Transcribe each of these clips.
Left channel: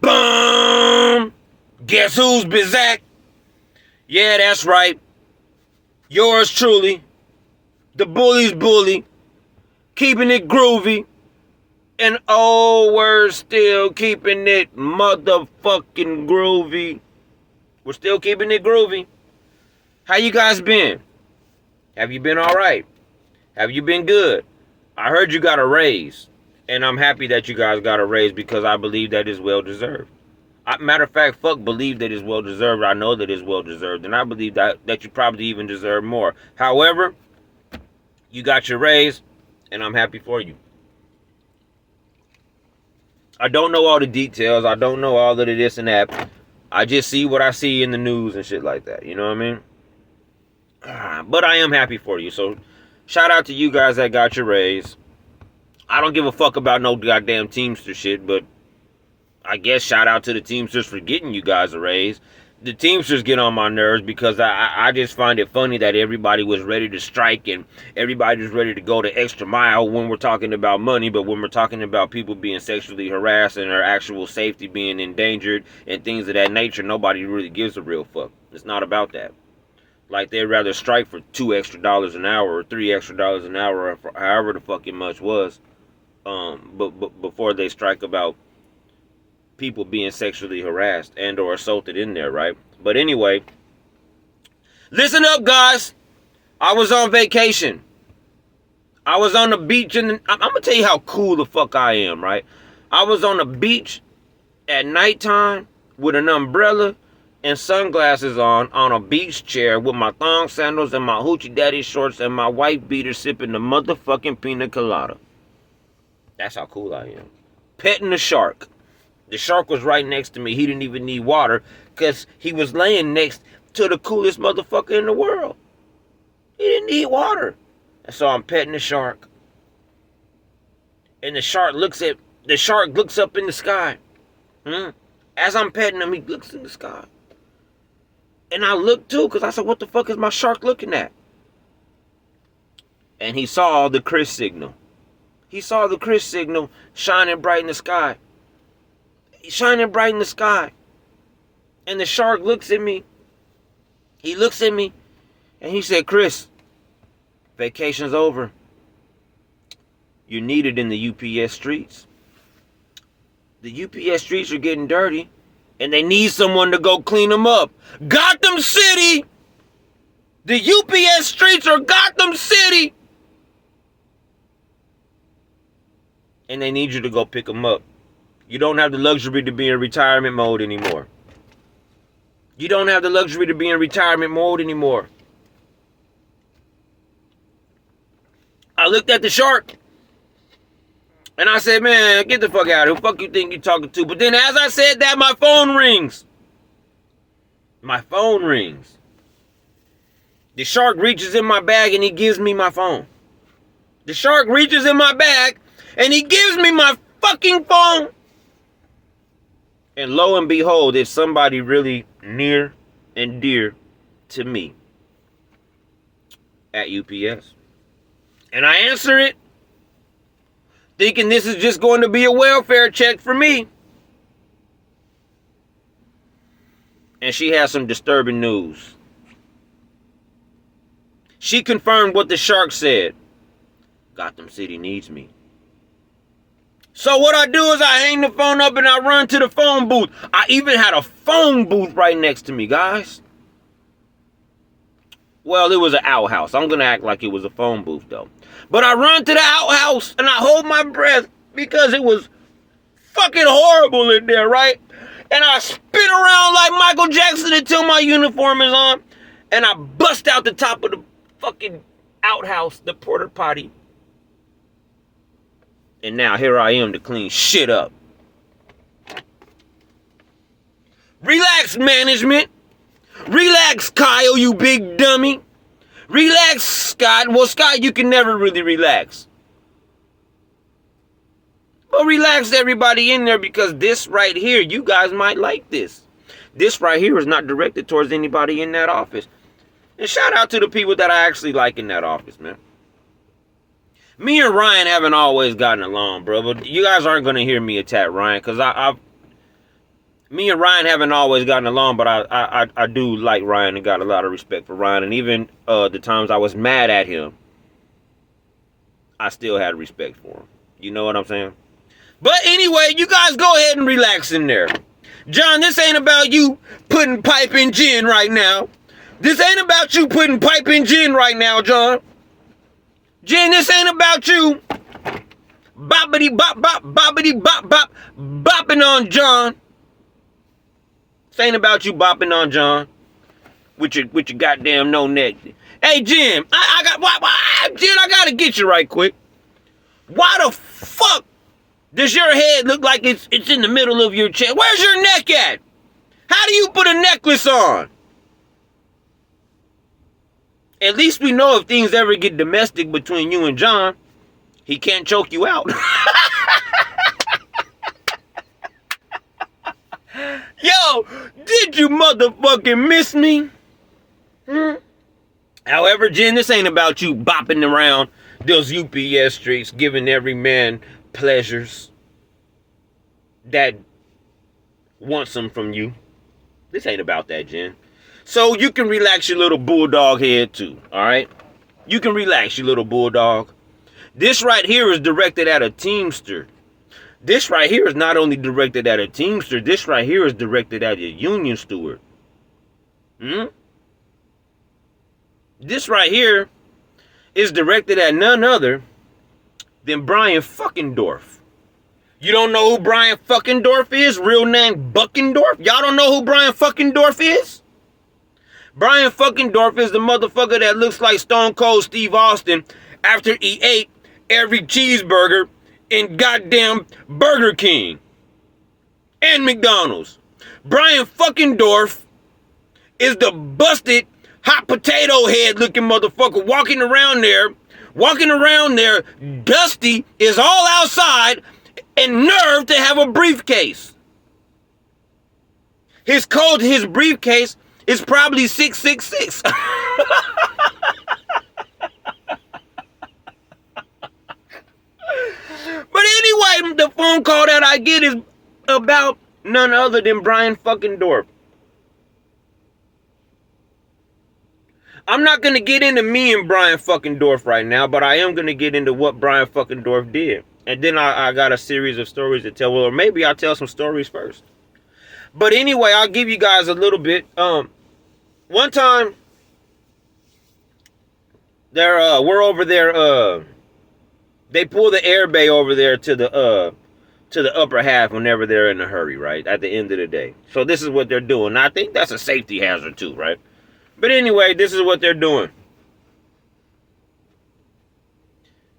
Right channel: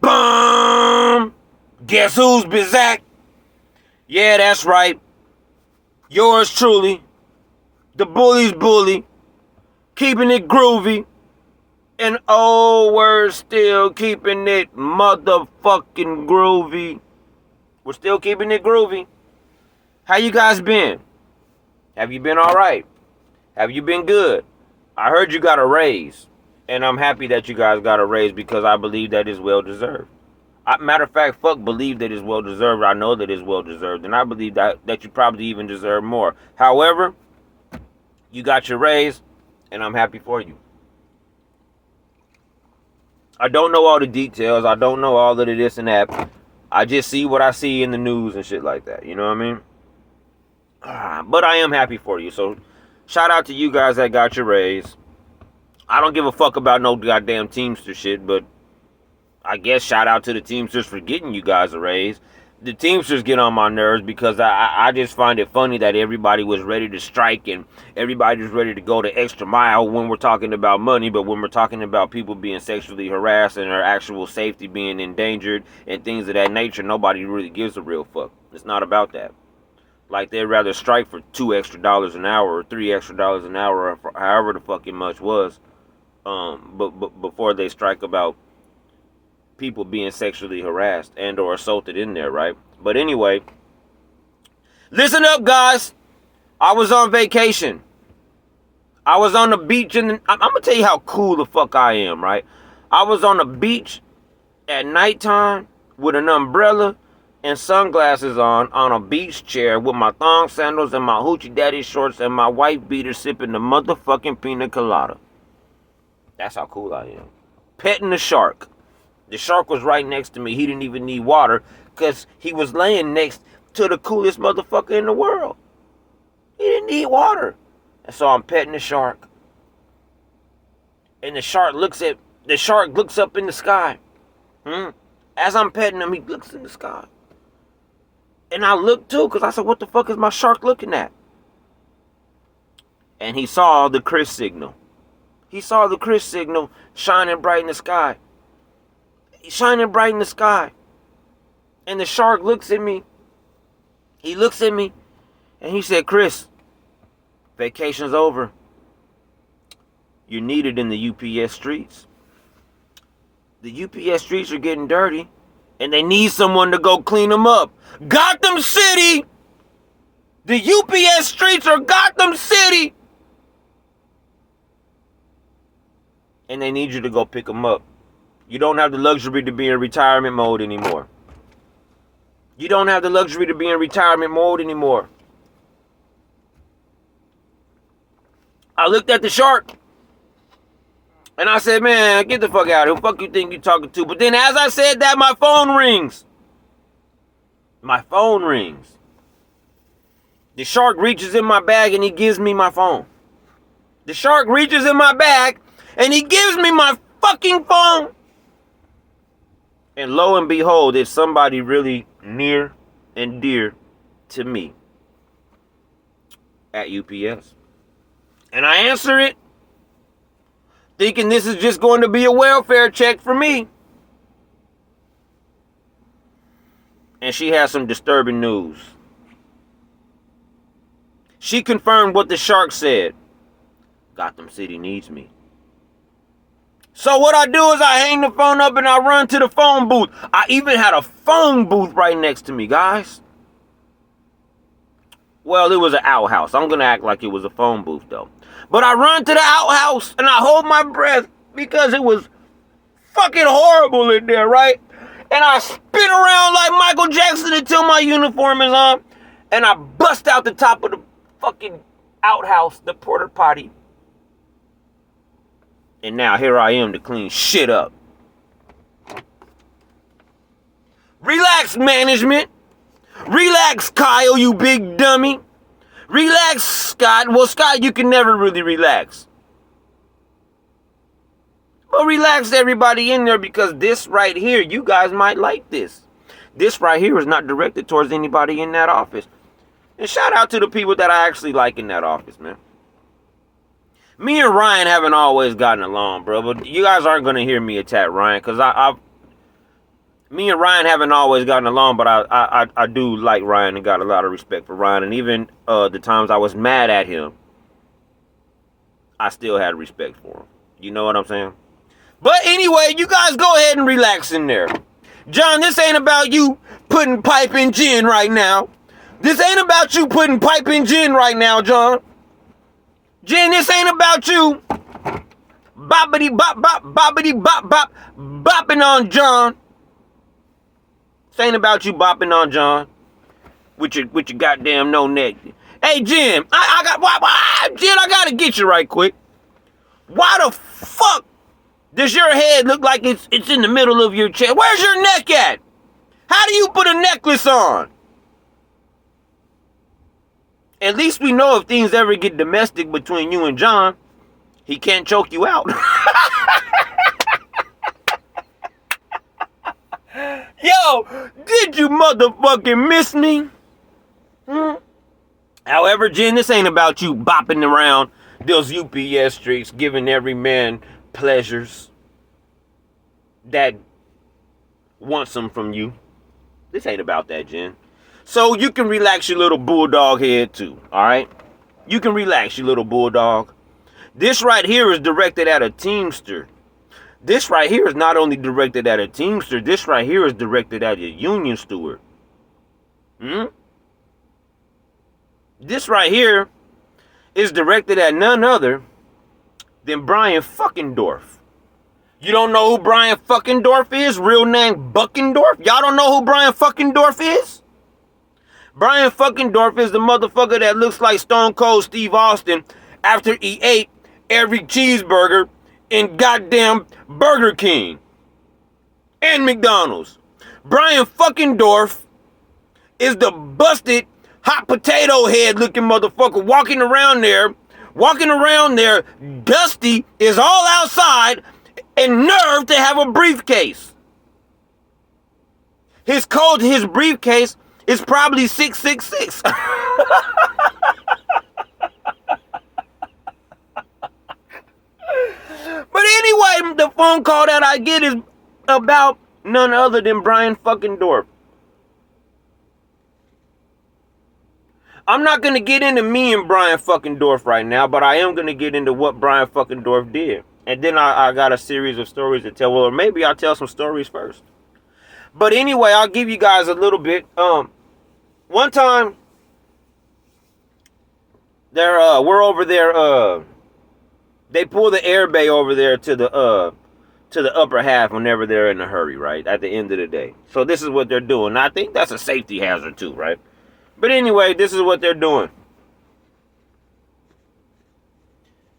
Bum. Guess who's Bizak? Yeah, that's right. Yours truly, the bully's bully, keeping it groovy, and oh, we're still keeping it motherfucking groovy. We're still keeping it groovy. How you guys been? Have you been all right? Have you been good? I heard you got a raise, and I'm happy that you guys got a raise because I believe that is well deserved. Matter of fact, fuck believe that it's well deserved. I know that it's well deserved, and I believe that you probably even deserve more. However, you got your raise, and I'm happy for you. I don't know all the details. I don't know all of the this and that. I just see what I see in the news and shit like that. You know what I mean? But I am happy for you. So, shout out to you guys that got your raise. I don't give a fuck about no goddamn Teamster shit, but I guess shout out to the Teamsters for getting you guys a raise. The Teamsters get on my nerves because I just find it funny that everybody was ready to strike and everybody was ready to go the extra mile when we're talking about money, but when we're talking about people being sexually harassed and their actual safety being endangered and things of that nature, nobody really gives a real fuck. It's not about that. Like, they'd rather strike for $2 extra an hour or $3 extra an hour or however the fucking much was, but before they strike about people being sexually harassed and or assaulted in there, right? But anyway, listen up, guys. I was on vacation. I was on the beach, and I'm gonna tell you how cool the fuck I am, right? I was on the beach at nighttime with an umbrella and sunglasses on a beach chair with my thong sandals and my hoochie daddy shorts and my white beater sipping the motherfucking pina colada. That's how cool I am. Petting the shark. The shark was right next to me. He didn't even need water because he was laying next to the coolest motherfucker in the world. He didn't need water. And so I'm petting the shark. And the shark looks up in the sky. As I'm petting him, he looks in the sky. And I looked too because I said, what the fuck is my shark looking at? And he saw the Chris signal. He saw the Chris signal shining bright in the sky. Shining bright in the sky. And the shark looks at me. He looks at me and he said, Chris, vacation's over. You're needed in the UPS streets. The UPS streets are getting dirty and they need someone to go clean them up. Gotham City! The UPS streets are Gotham City! And they need you to go pick them up. You don't have the luxury to be in retirement mode anymore. You don't have the luxury to be in retirement mode anymore. I looked at the shark. And I said, man, get the fuck out of here. Who the fuck you think you're talking to? But then as I said that, my phone rings. My phone rings. The shark reaches in my bag and he gives me my phone. The shark reaches in my bag and he gives me my fucking phone. And lo and behold, it's somebody really near and dear to me at UPS. And I answer it, thinking this is just going to be a welfare check for me. And she has some disturbing news. She confirmed what the shark said. Gotham City needs me. So what I do is I hang the phone up and I run to the phone booth. I even had a phone booth right next to me, guys. Well, it was an outhouse. I'm going to act like it was a phone booth, though. But I run to the outhouse and I hold my breath because it was fucking horrible in there, right? And I spin around like Michael Jackson until my uniform is on. And I bust out the top of the fucking outhouse, the porta potty. And now here I am to clean shit up. Relax, management. Relax, Kyle, you big dummy. Relax, Scott. Well, Scott, you can never really relax. But relax everybody in there because this right here, you guys might like this. This right here is not directed towards anybody in that office. And shout out to the people that I actually like in that office, man. Me and Ryan haven't always gotten along, bro. But you guys aren't gonna hear me attack Ryan, cause me and Ryan haven't always gotten along. But I do like Ryan and got a lot of respect for Ryan. And even the times I was mad at him, I still had respect for him. You know what I'm saying? But anyway, you guys go ahead and relax in there. John, this ain't about you putting pipe in gin right now. This ain't about you putting pipe in gin right now, John. Jen, this ain't about you boppity bop bop boppity bop bop bopping on John. This ain't about you bopping on John with your goddamn no neck. Hey Jen, Jen, I gotta get you right quick. Why the fuck does your head look like it's in the middle of your chest? Where's your neck at? How do you put a necklace on? At least we know if things ever get domestic between you and John, he can't choke you out. Yo, did you motherfucking miss me? However, Jen, this ain't about you bopping around those UPS streets, giving every man pleasures that wants them from you. This ain't about that, Jen. So you can relax your little bulldog head too, all right? You can relax your little bulldog. This right here is directed at a Teamster. This right here is not only directed at a Teamster, this right here is directed at a union steward. This right here is directed at none other than Brian Fuckendorf. You don't know who Brian Fuckendorf is? Real name Buckendorf? Y'all don't know who Brian Fuckendorf is? Brian Fuckendorf is the motherfucker that looks like Stone Cold Steve Austin after he ate every cheeseburger in goddamn Burger King and McDonald's. Brian Fuckendorf is the busted hot potato head looking motherfucker walking around there, dusty, is all outside, and nerve to have a briefcase. His briefcase is probably 666. But anyway, the phone call that I get is about none other than Brian Fuckendorf. I'm not going to get into me and Brian Fuckendorf right now, but I am going to get into what Brian Fuckendorf did. And then I got a series of stories to tell. Well, or maybe I'll tell some stories first. But anyway, I'll give you guys a little bit. One time, we're over there. They pull the air bay over there to the upper half whenever they're in a hurry, right? At the end of the day. So this is what they're doing. Now, I think that's a safety hazard too, right? But anyway, this is what they're doing.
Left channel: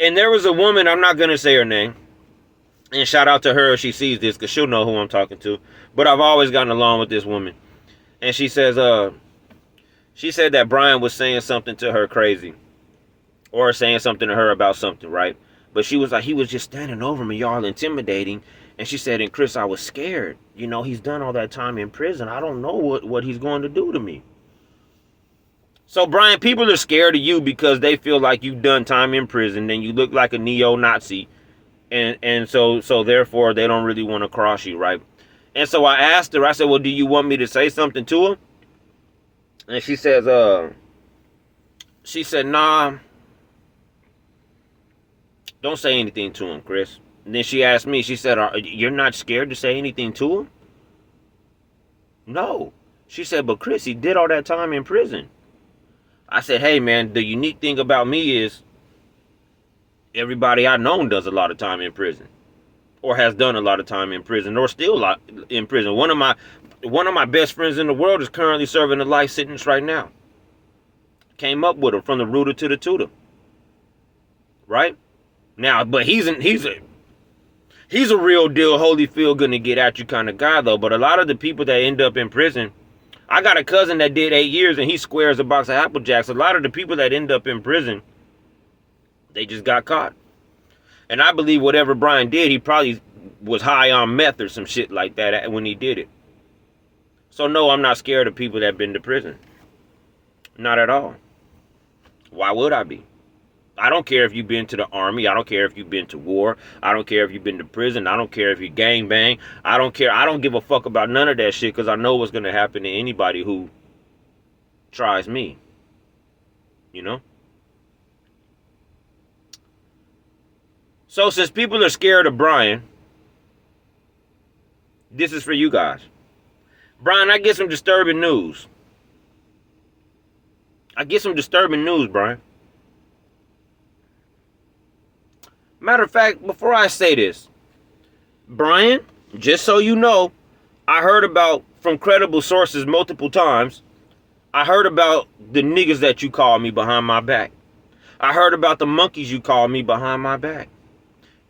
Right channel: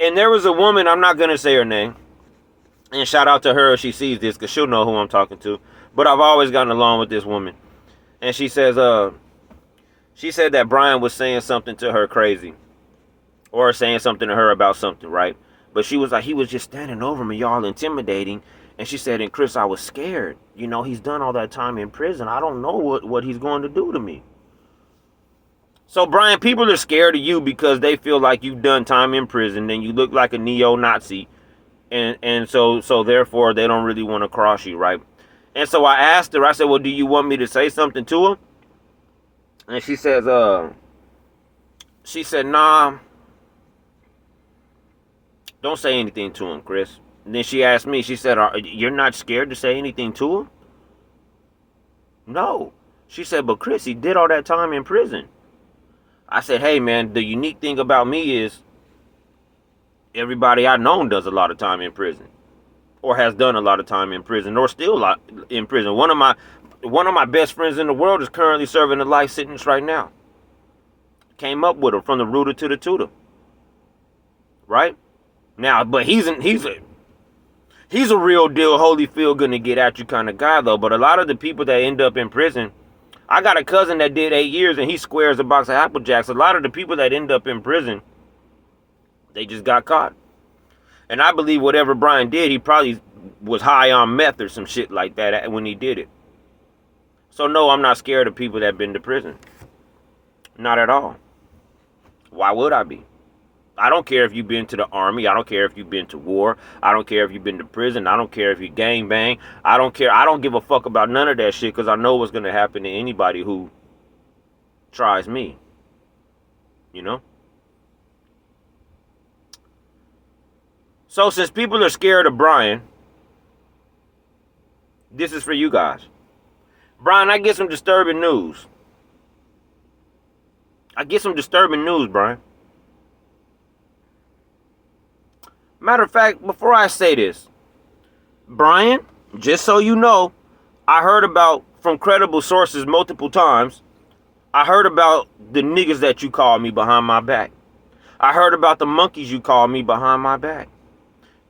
And there was a woman, I'm not going to say her name. And shout out to her if she sees this, because she'll know who I'm talking to. But I've always gotten along with this woman. And she said that Brian was saying something to her crazy. Or saying something to her about something, right? But she was like, he was just standing over me, y'all, intimidating. And she said, and Chris, I was scared. You know, he's done all that time in prison. I don't know what he's going to do to me. So, Brian, people are scared of you because they feel like you've done time in prison and you look like a neo-Nazi. And so therefore, they don't really want to cross you, right? And so I asked her, I said, well, do you want me to say something to her? And she said, nah, don't say anything to him, Chris. And then she asked me, she said, you're not scared to say anything to him? No. She said, but Chris, he did all that time in prison. I said, hey, man, the unique thing about me is everybody I know does a lot of time in prison or has done a lot of time in prison or still in prison. One of my best friends in the world is currently serving a life sentence right now. Came up with him from the rooter to the tutor. Right? Now, but he's a real deal Holyfield gonna get at you kind of guy though. But a lot of the people that end up in prison, I got a cousin that did 8 years and he squares a box of Apple Jacks. A lot of the people that end up in prison, they just got caught. And I believe whatever Brian did, he probably was high on meth or some shit like that when he did it. So no, I'm not scared of people that have been to prison. Not at all. Why would I be? I don't care if you've been to the army. I don't care if you've been to war. I don't care if you've been to prison. I don't care if you gang bang. I don't care. I don't give a fuck about none of that shit because I know what's going to happen to anybody who tries me. You know? So since people are scared of Brian, this is for you guys. Brian, I get some disturbing news. Brian. Matter of fact, before I say this, Brian, just so you know, I heard about from credible sources multiple times. I heard about the niggas that you call me behind my back. I heard about the monkeys you call me behind my back.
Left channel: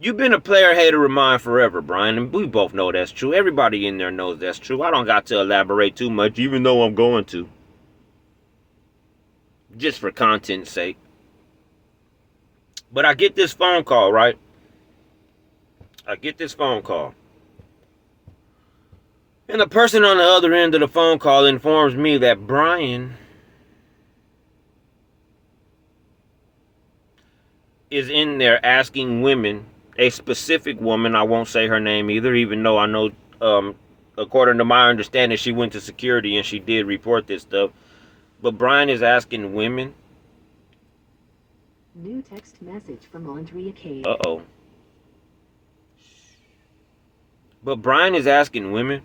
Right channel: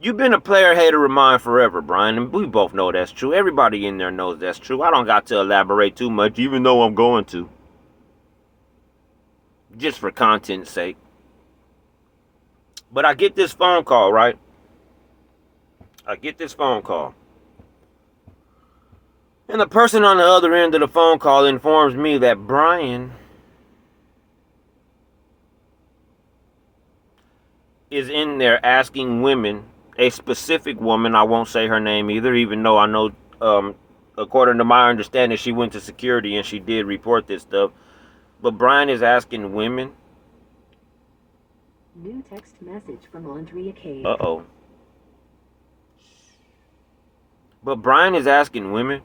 You've been a player hater of mine forever, Brian, and we both know that's true. Everybody in there knows that's true. I don't got to elaborate too much, even though I'm going to. Just for content's sake. But I get this phone call, right? And the person on the other end of the phone call informs me that Brian is in there asking women, a specific woman, I won't say her name either, even though I know, according to my understanding, she went to security and she did report this stuff. But Brian is asking women. New text message from Andrea K. Uh-oh. But Brian is asking women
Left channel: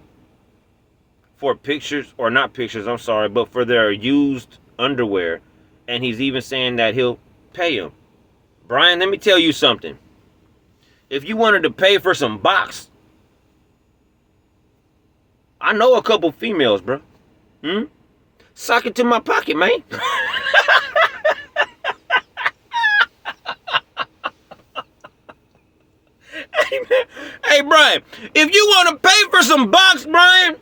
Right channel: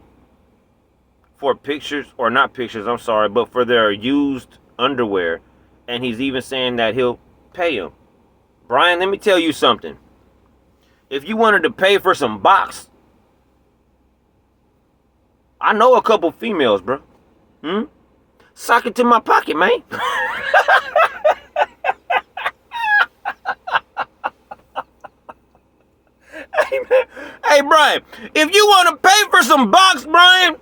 for pictures, or not pictures, I'm sorry, but for their used underwear. And he's even saying that he'll pay them. Brian, let me tell you something. If you wanted to pay for some box, I know a couple females, bro. Sock it to my pocket, man. Hey, Brian, if you want to pay for some box, Brian,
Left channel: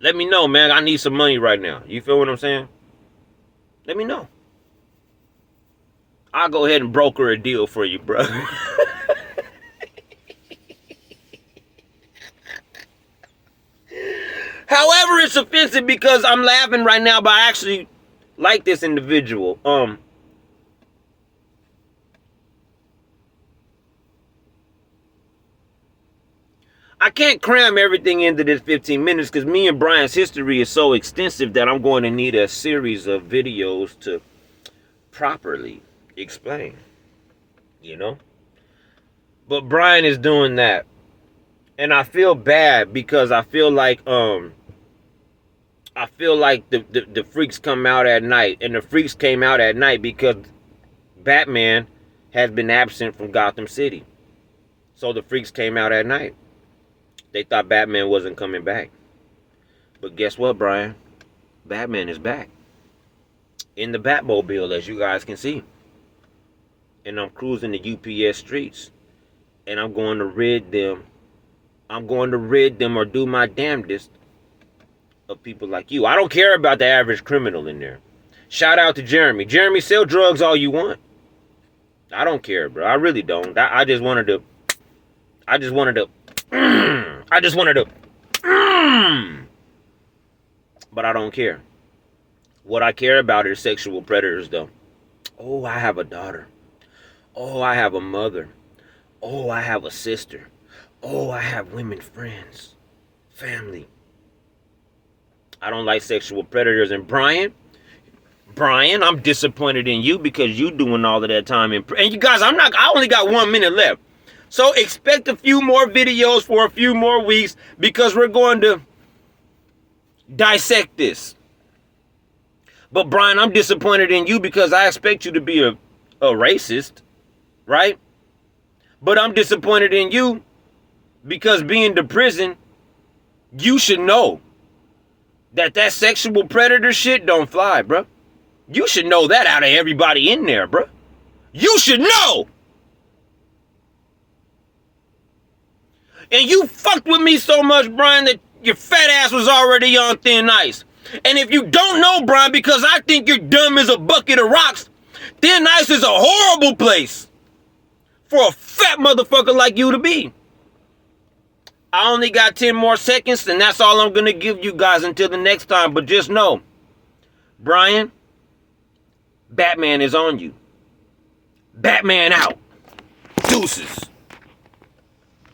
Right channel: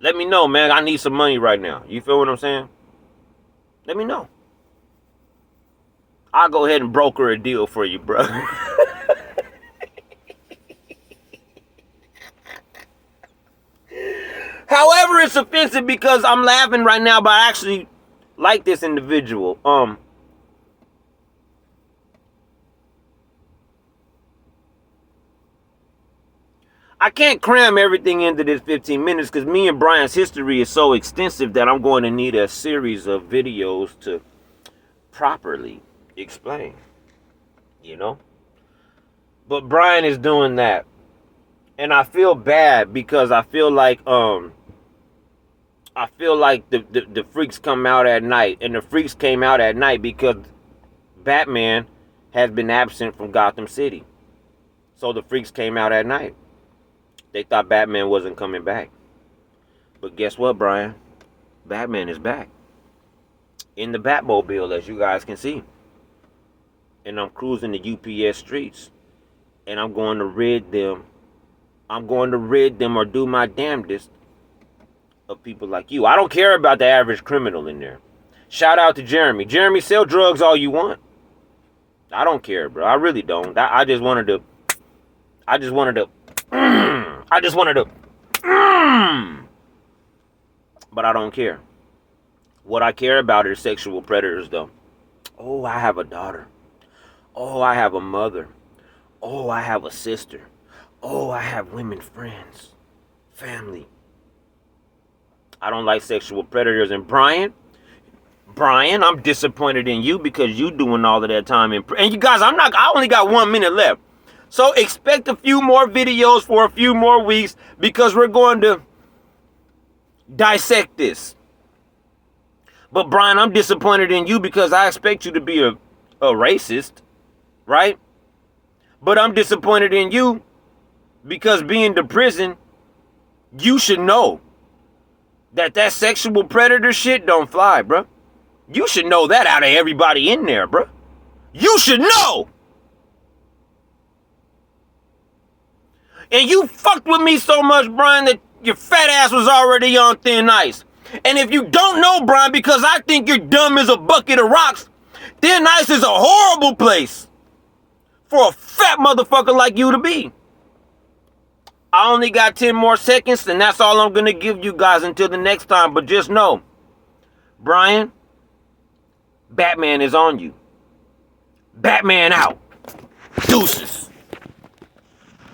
let me know, man. I need some money right now. You feel what I'm saying? Let me know. I'll go ahead and broker a deal for you, bro. However, it's offensive because I'm laughing right now, but I actually like this individual. I can't cram everything into this 15 minutes because me and Brian's history is so extensive that I'm going to need a series of videos to properly explain, you know? But Brian is doing that. And I feel bad because I feel like the freaks come out at night. And the freaks came out at night because Batman has been absent from Gotham City. So the freaks came out at night. They thought Batman wasn't coming back. But guess what, Brian? Batman is back. In the Batmobile, as you guys can see. And I'm cruising the UPS streets. And I'm going to rid them or do my damnedest of people like you. I don't care about the average criminal in there. Shout out to Jeremy. Jeremy, sell drugs all you want. I don't care, bro. I really don't. I just wanted to. But I don't care. What I care about is sexual predators, though. Oh, I have a daughter. Oh, I have a mother. Oh, I have a sister. Oh, I have women friends. Family. I don't like sexual predators. And Brian, I'm disappointed in you because you doing all of that time in prison. And you guys, I only got 1 minute left. So expect a few more videos for a few more weeks because we're going to dissect this. But Brian, I'm disappointed in you because I expect you to be a racist, right? But I'm disappointed in you because being to prison, you should know that sexual predator shit don't fly, bro. You should know that out of everybody in there, bro. You should know. And you fucked with me so much, Brian, that your fat ass was already on thin ice. And if you don't know, Brian, because I think you're dumb as a bucket of rocks, thin ice is a horrible place for a fat motherfucker like you to be. I only got 10 more seconds, and that's all I'm going to give you guys until the next time. But just know, Brian, Batman is on you. Batman out. Deuces.